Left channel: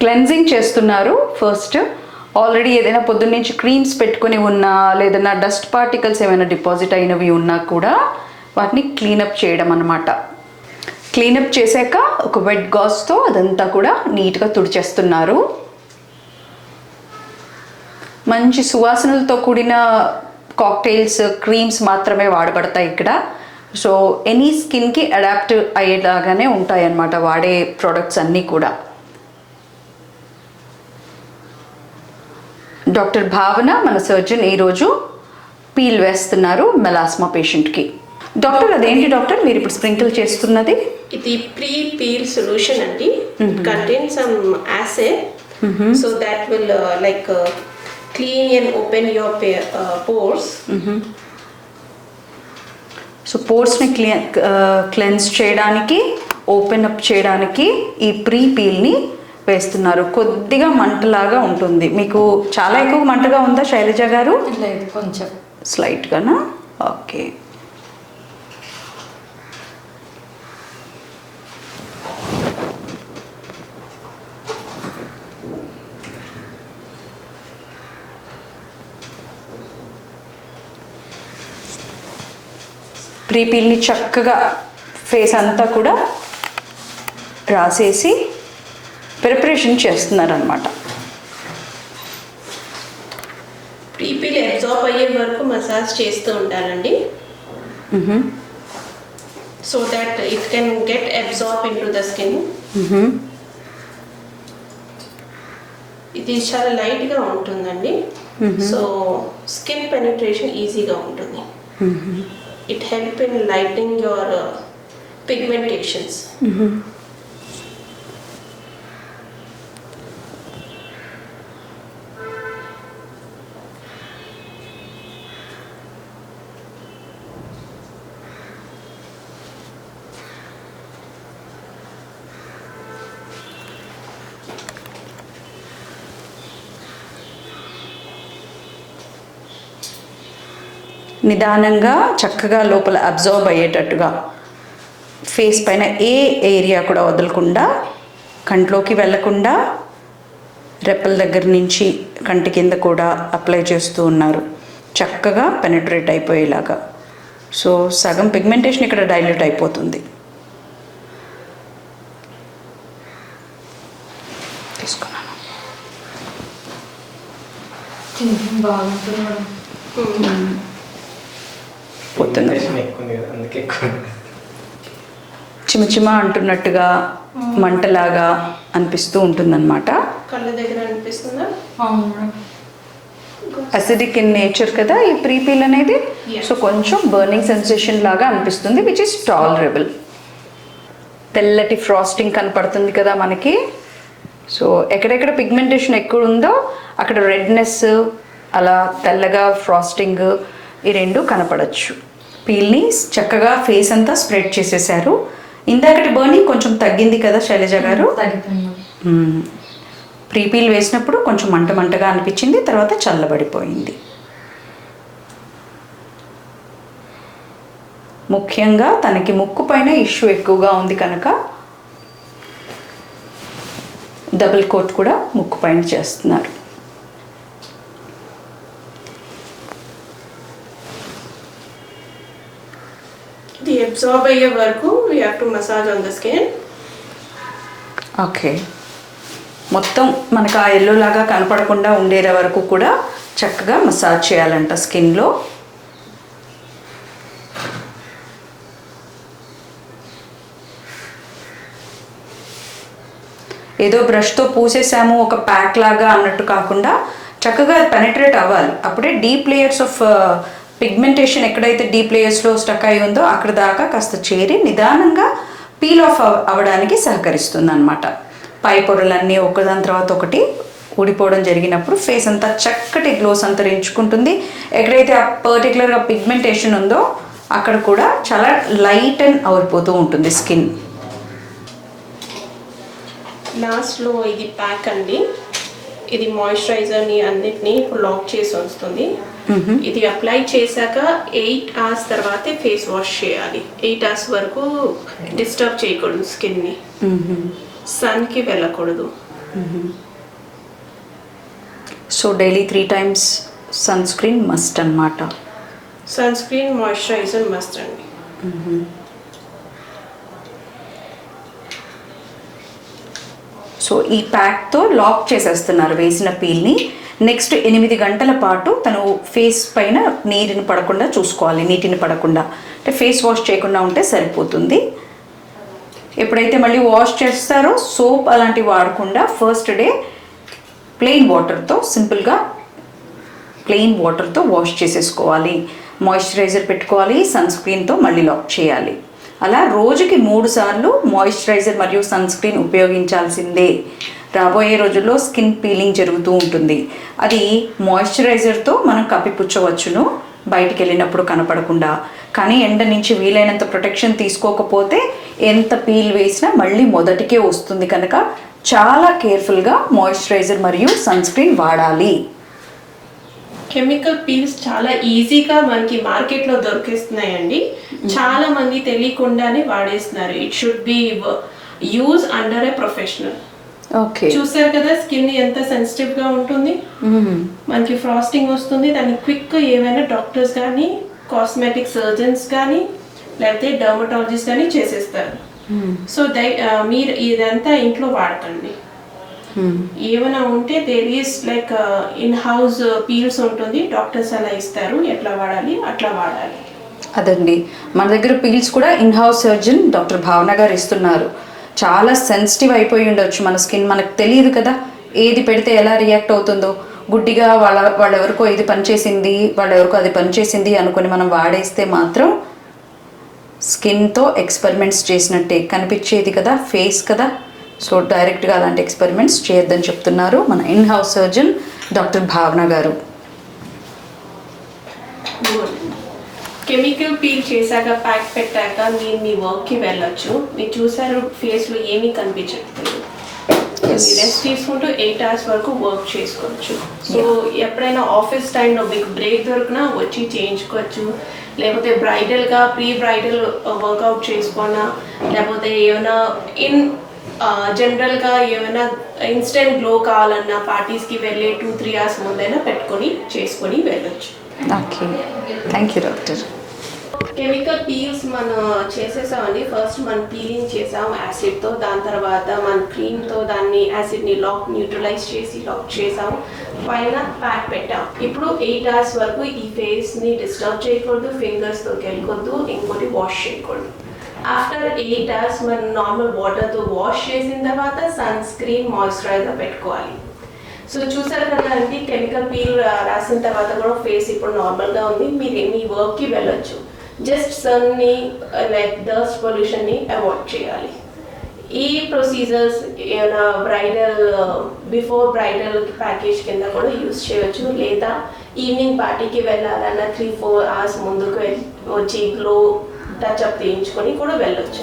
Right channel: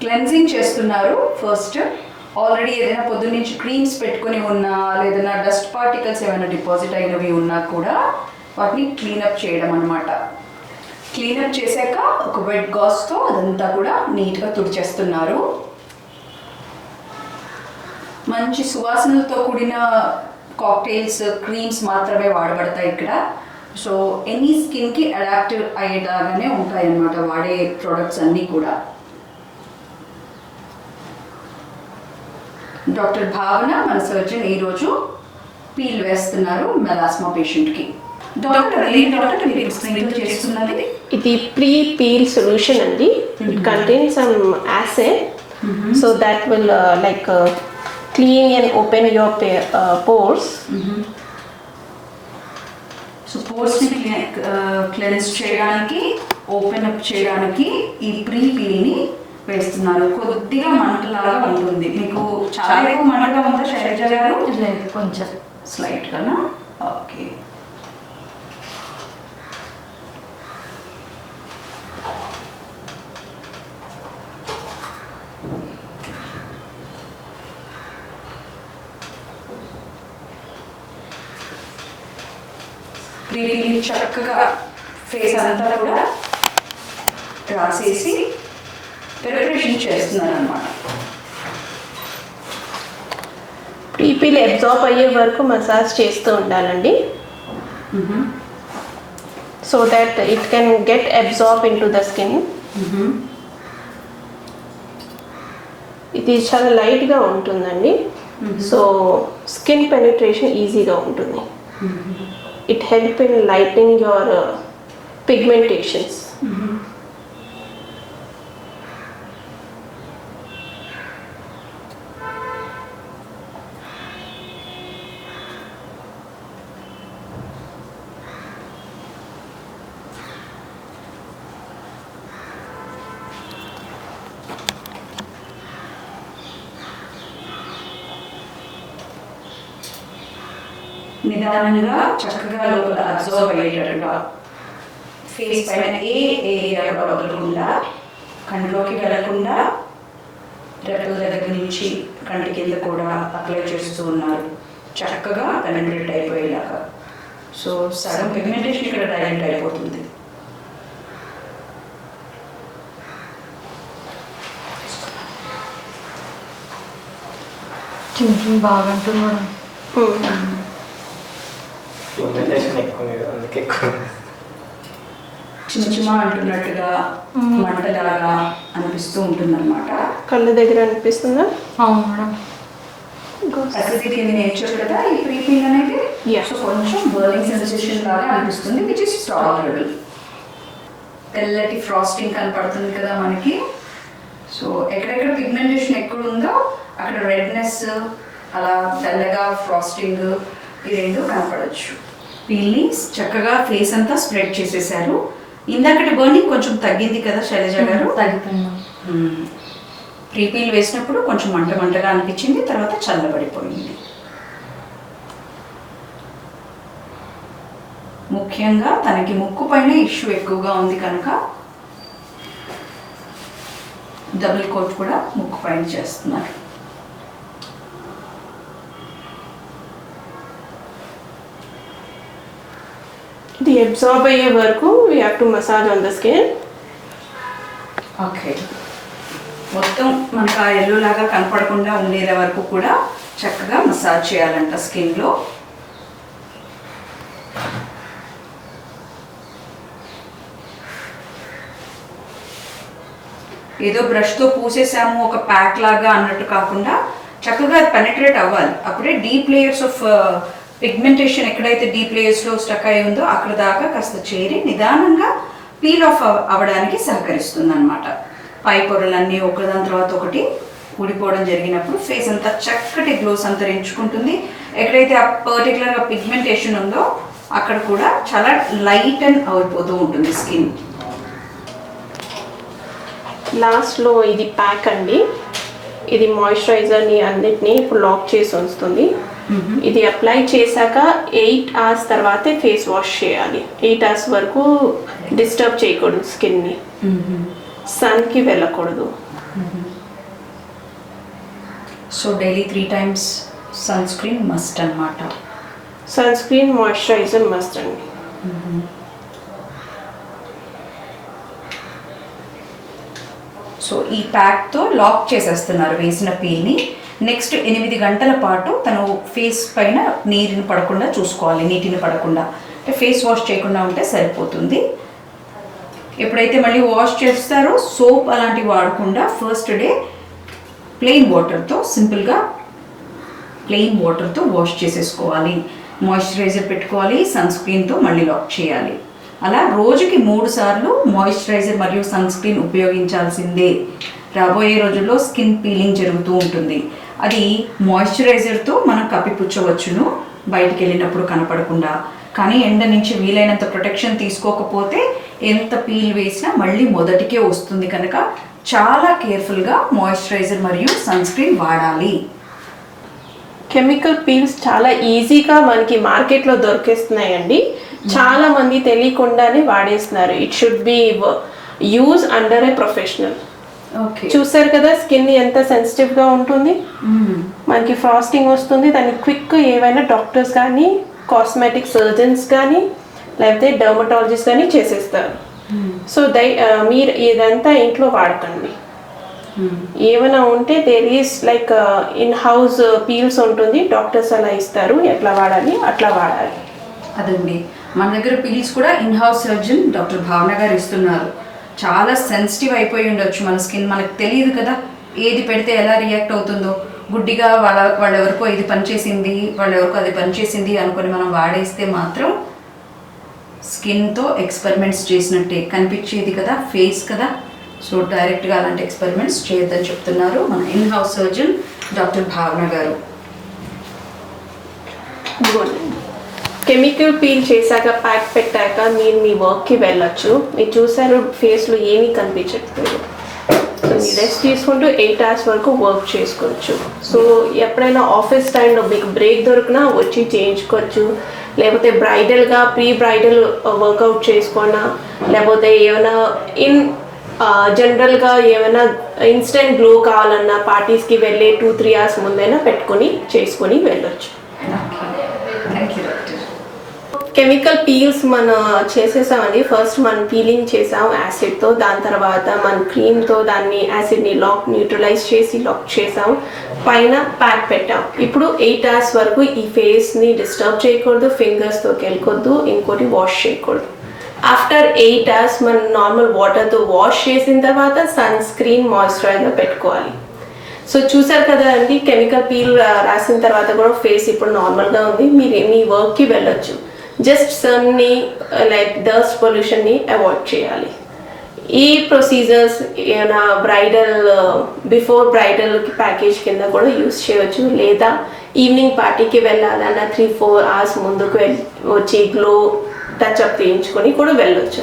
Cleansing చేస్తున్నారు. First already ఏదైనా పొద్దున్నుంచి క్రీమ్స్ పెట్టుకుని ఉన్నా లేదన్నా డస్ట్ పార్టికల్స్ ఏమైనా డిపాజిట్ అయినవి ఉన్నా కూడా వాటిని క్లీనప్ చేయడం అన్నమాట. క్లీనప్ చేశాక ఒక వెట్ గాజ్తో అదంతా కూడా నీట్గా తుడిచేస్తున్నారు. మంచి సువాసనలతో కూడిన కాక్టైల్స్ క్రీమ్స్ మాత్రమే వాడబడతాయి ఇక్కడ. సో ఎనీ స్కిన్కి అడాప్ట్ అయ్యేలాగానే ఉంటాయి అన్నమాట వాడే ప్రోడక్ట్స్ అన్నీ కూడా. డాక్టర్ భావన మన సర్జన్ ఈరోజు పీల్ వేస్తున్నారు మెలాస్మా పేషెంట్కి. డాక్టర్ అదేంటి డాక్టర్ మీరు ఇప్పుడు స్ప్రింకిల్ చేస్తున్నది? ఇది ప్రీ పీల్ సొల్యూషన్ అండి. It contains some acid so that will like clean and open your pores. So పోర్స్ని క్లెన్స్ చేయడానికి ఓపెన్ అప్ చేయడానికి ఈ ప్రీ పీల్ని వేస్తున్నారు. కొద్దిగా మంటలాగా ఉంటుంది. మీకు చాలా ఎక్కువ మంటగా ఉందా శైలజ గారు? లేదు, కొంచెం స్లైట్గానా? ఓకే. ప్రీపీల్ని చక్కగా ఫేస్ అంతా కూడా రాసేసి ప్రిపరేషన్ చేస్తున్నారనమాట. ప్రీపీల్ అబ్జార్బ్ అయ్యే వరకు మసాజ్ చేస్తూ ఉండాలండి. So that it can get absorb in to the skin. ఇది చాలా లైట్గా ఉంటుందండి. సో స్కిన్ పెనిట్రేషన్ ఈజీగా ఉంటుంది. It helps in lightening your pigmentations. నిదానంగా చక్కగా లోపల అబ్జర్వ్ అయ్యేటట్టుగా ఫేస్ పైన ఏ ఏరియా కూడా వదలకుండా, కంట్లోకి వెళ్ళకుండా రెప్పల దగ్గర నుంచి కంటి కింద కూడా అప్లై చేస్తూ ఉన్నారు చక్కగా పెనిట్రేట్ అయిపోయేలాగా. సో సగం పిగ్మెంటేషన్ ఇక్కడ డైల్యూట్ అయిపోతుంది. తీసుకున్నాను బాగా చిమచిమ అంటున్నట్టుగా మంటలాగా అనిపిస్తూ ఉంటుందన్నమాట. కళ్ళ దగ్గర అనిపిస్తుందా? అసిడిక్ ఇన్ నేచర్ కదా ఈ ప్రీపీల్ అనేది. సో కొంచెం బర్నింగ్ సెన్సేషన్ లాగా అనిపిస్తుంది, విచ్ ఇస్ టాలరబుల్. తెల్లటి ఫ్రాస్టింగ్ కనపడుతుంది కదా మనకి. సో ఎక్కడెక్కడ పిగ్మెంటేషన్ ఎక్కువ ఉందో అక్కడ రెడ్నెస్, అలా తెల్లగా ఫ్రాస్టింగ్ ఈ రెండు కనపడచ్చు. పీల్ని చక్కగా ఫేస్ అంతా స్ప్రెడ్ చేసేసారు. ఇందాకటి బర్నింగ్ కొంచెం తగ్గింది కదా శైలజ గారు? ప్రీపీల్ వేసినప్పుడు కొంచెం మంటగా అనిపించింది, తర్వాత చల్లబడిపోయింది. ముఖ్యంగా తనకి ముక్కు పైన ఇష్యూ ఎక్కువగా ఉంది కనుక డబుల్ కోట్ కూడా ముక్కు పైన చేస్తున్నారు. ఇది అబ్జార్బ్ అయ్యే వరకు we have to massage on the skin. Okay. మొత్తం మనకు ఆ ఎల్లో లాగా కనపడకుండా ఉండే వరకు కూడా చక్కగా మసాజ్ చేయాలంట స్కిన్లో. ఏదో బ్రష్తో పూసేసాము ఒక ప్యాక్ లాగా అన్నట్టు కాకుండా చక్కగా పెనిట్రేట్ అవ్వాలి. అప్పుడే డీప్ లేయర్స్ ఆఫ్ పిగ్మెంటేషన్ ఎక్కడైతే డీప్ లేయర్స్లో స్టక్ అయి ఉందో అక్కడ దాకా కాస్త చేరి నిదానంగా పీల్ ఆఫ్ అవ్వడానికి సహకరిస్తుంది అన్నమాట. పై పొరలన్నీ ఒకదాని తర్వాత ఒకటి ఊడిపోవడం జరిగినప్పుడు ఫేస్ అంతా చక్కటి గ్లోస్ అంతరించుకుంటుంది. ఎక్కడైతే ఆ పర్టికులర్గా పిగ్మెంటేషన్ ఉందో అక్కడ కూడా చాలా లైట్ అండ్ అవురిపోతూ ఉంటుంది స్కిన్. లాస్ట్లో ఇది ప్యాక్ అండి. ఇది మాయిశ్చరైజర్ని అన్నిటినీ ఇప్పుడు లాక్ చేసి ఉంచుతుంది. ఇది అప్లై చేశాక 8 hours తర్వాతే ఫేస్ వాష్ చేయాలి. 8 hours వరకు డిస్టర్బ్ చేయకూడదు స్కిన్ని, సన్కి వెళ్ళకూడదు. So daily 3 times sunscreen must అన్నమాట. సన్ స్క్రీన్ మాయిశ్చరైజర్ మస్ట్ అండి. సో ఈ ప్యాక్తో లాక్ చేసేస్తున్నారు వేసిన పీల్ని. నెక్స్ట్ 8 గంటల పాటు తను ఫేస్ పైన నీటిని పడకుండా చూసుకోవాలి, నీటిని పడకుండా, అంటే ఫేస్ వాష్ చేయకుండా ఉంటే సరిపోతుంది. ఎప్పుడైతే మళ్ళీ వాష్ చేస్తారో సోప్ అలాంటివి వాడకుండా ఫస్ట్ డే ప్లెయిన్ వాటర్తో, సింపుల్గా ప్లెయిన్ వాటర్తో వాష్ చేసేసుకోవాలి. మాయిశ్చరైజర్ పెట్టుకోవాలి, సన్ స్క్రీన్తో మళ్ళీ లాక్ చేయాలి. అలా రోజుకి 3 సార్లు మాయిశ్చరైజర్ మరియు సన్ స్క్రీన్ ఉపయోగించాల్సిందే. రాబోయే రోజుల్లో స్కిన్ పీలింగ్ జరుగుతూ ఉంటుంది. అది మాయిశ్చరైజర్తో మనం కప్పిపుచ్చవచ్చును బయటికి వెళ్ళినప్పుడు కనపడకుండా. కానీ ఎండ నుంచి వీలైనంత ప్రొటెక్షన్ తీసుకోకపోతే ఎంత పీల్ వేసినా మళ్ళీ మొదటికే వస్తుంది. కనుక చాలా కేర్ఫుల్గా మాయిశ్చరైజర్ మరియు సన్ స్క్రీన్ వాడాలి. కెమికల్ పీల్స్ చాలా ఈజీగా మనకి మార్కెట్లో దొరికేస్తున్నాయండి. చాలా మంది తెలియకుండానే వాడేస్తున్నారు. It should be use under a professional. Okay, చూసారు కదా స్కిన్ ఎంత సెన్సిటివ్ గా ఉంటుంది. మనకి ఫ్రాస్టింగ్ వస్తుంది. దాన్ని క్విక్ ఏవైనా డాక్టర్స్ కానీ, కాస్మెటిక్ సర్జన్స్ కానీ, లేకపోతే డర్మటాలజిస్ట్ కానీ చేసేస్తారు. సో మీరు ఇదంతా ఇంట్లో వాడకండి. ఏమైనా ఉంటే there is like in house peels ఉంటుంది, డాక్టర్స్ అలా ఇస్తారు, ఎట్లా వాడాలి అట్లా వాడాలి. అదండి, మన దగ్గర పీల్స్ కూడా ఇన్ హౌస్ సర్జన్ డాక్టర్ భావన గారు ఇస్తున్నారు. చాలా సెన్సిటివ్ అయిపోయి ఉండొచ్చు మన స్కిన్, మనకు తెలియదు కదా ఏది పెడితే ఎలా రియాక్ట్ అవుతుందో. గుడ్డిగా వాళ్ళెవరికో ఇది పనిచేసింది, వాళ్ళెవరికో అది పనిచేసింది అనుకుని మనం వాడేస్తే మాత్రం స్కిన్తో ఎక్స్పెరిమెంట్స్ చేసినట్టే కనిపించేది కదా, ఫేస్ కదా. సో డైరెక్ట్గా అలాంటి ఎక్స్పెరిమెంట్స్ చేయొద్దని చెప్తున్నారు మన ఇన్ హౌస్ సర్జన్ డాక్టర్ భావన గారు. కెమికల్ పీల్ చేశాక ప్యాక్ పెట్టాక మీరు మీ వర్క్కి వెళ్ళొచ్చు. మీరు చూసారు ఫేస్లో ఏమీ కనిపించట్లేదు. రెస్ట్ తీసుకుంటూ 8 hours వరకు వర్క్ చేసుకోవచ్చు. సో ఎప్పుడైనా ఆఫీస్ టైంలో మీకు బ్రేక్ దొరికినా వచ్చి చేయించుకోవచ్చు. లేకపోతే బ్రైడల్గా ప్రీ బ్రైడల్ వర్కౌట్ చేసుకున్నా, లేకపోతే ఏమైనా జనరల్గా ఏమైనా ఇన్స్టెంట్ గ్లో కావాలన్నా పార్టీస్కి వెళ్ళే 2-3 hours ముందైనా పెట్టుకొని చేసుకొని వెళ్ళొచ్చు. Okay, thank you doctor. Chemical peels మనం చేసేసామండి. ఫస్ట్ మనం పీలింగ్ చేసాం యాసిడ్తో, దాని తర్వాత మన క్రీమ్తో దాన్ని యాసిడ్ని న్యూట్రలైజ్ చేసి లాక్ చేసాం, పైన ప్యాక్ పెట్టాం. ఇప్పుడు 8 hours వరకు ఈ ఫేస్ని డిస్టర్బ్ చేయకూడదు, ఫింగర్స్తోకి వెళ్ళకూడదు, ఇంకోటి వాష్ చేయకూడదు. ఆఫ్టర్ 8 hours మనం నార్మల్ వాటర్తో వాష్ చేసిన తర్వాత సన్ స్క్రీన్ మాయిశ్చరైజర్ పెట్టుకోవాలి. సో చూసారు కదా అండి, కెమికల్ పీల్ రాసిన తర్వాత కూడా ఫేస్ ఇప్పుడు నార్మల్గా ఉంది. మీరు మీ వర్క్కి వెళ్ళొచ్చు. జస్ట్ సన్ని లైక్ డస్ట్ పొల్యూషన్ని అవాయిడ్ చేయాలి. ఈ ప్రొసీజర్స్ ఏమైనా బ్రైడల్ బిఫోర్ బ్రైడల్ ప్యాకేజ్ కింద కూడా యూస్ చేయవచ్చు. లేదా ఈవినింగ్ పార్టీకి వెళ్ళాలన్న 3-4 hours ముందుకు వచ్చి గ్లో టచ్అప్ చేయించుకొని కూడా వెళ్ళొచ్చు.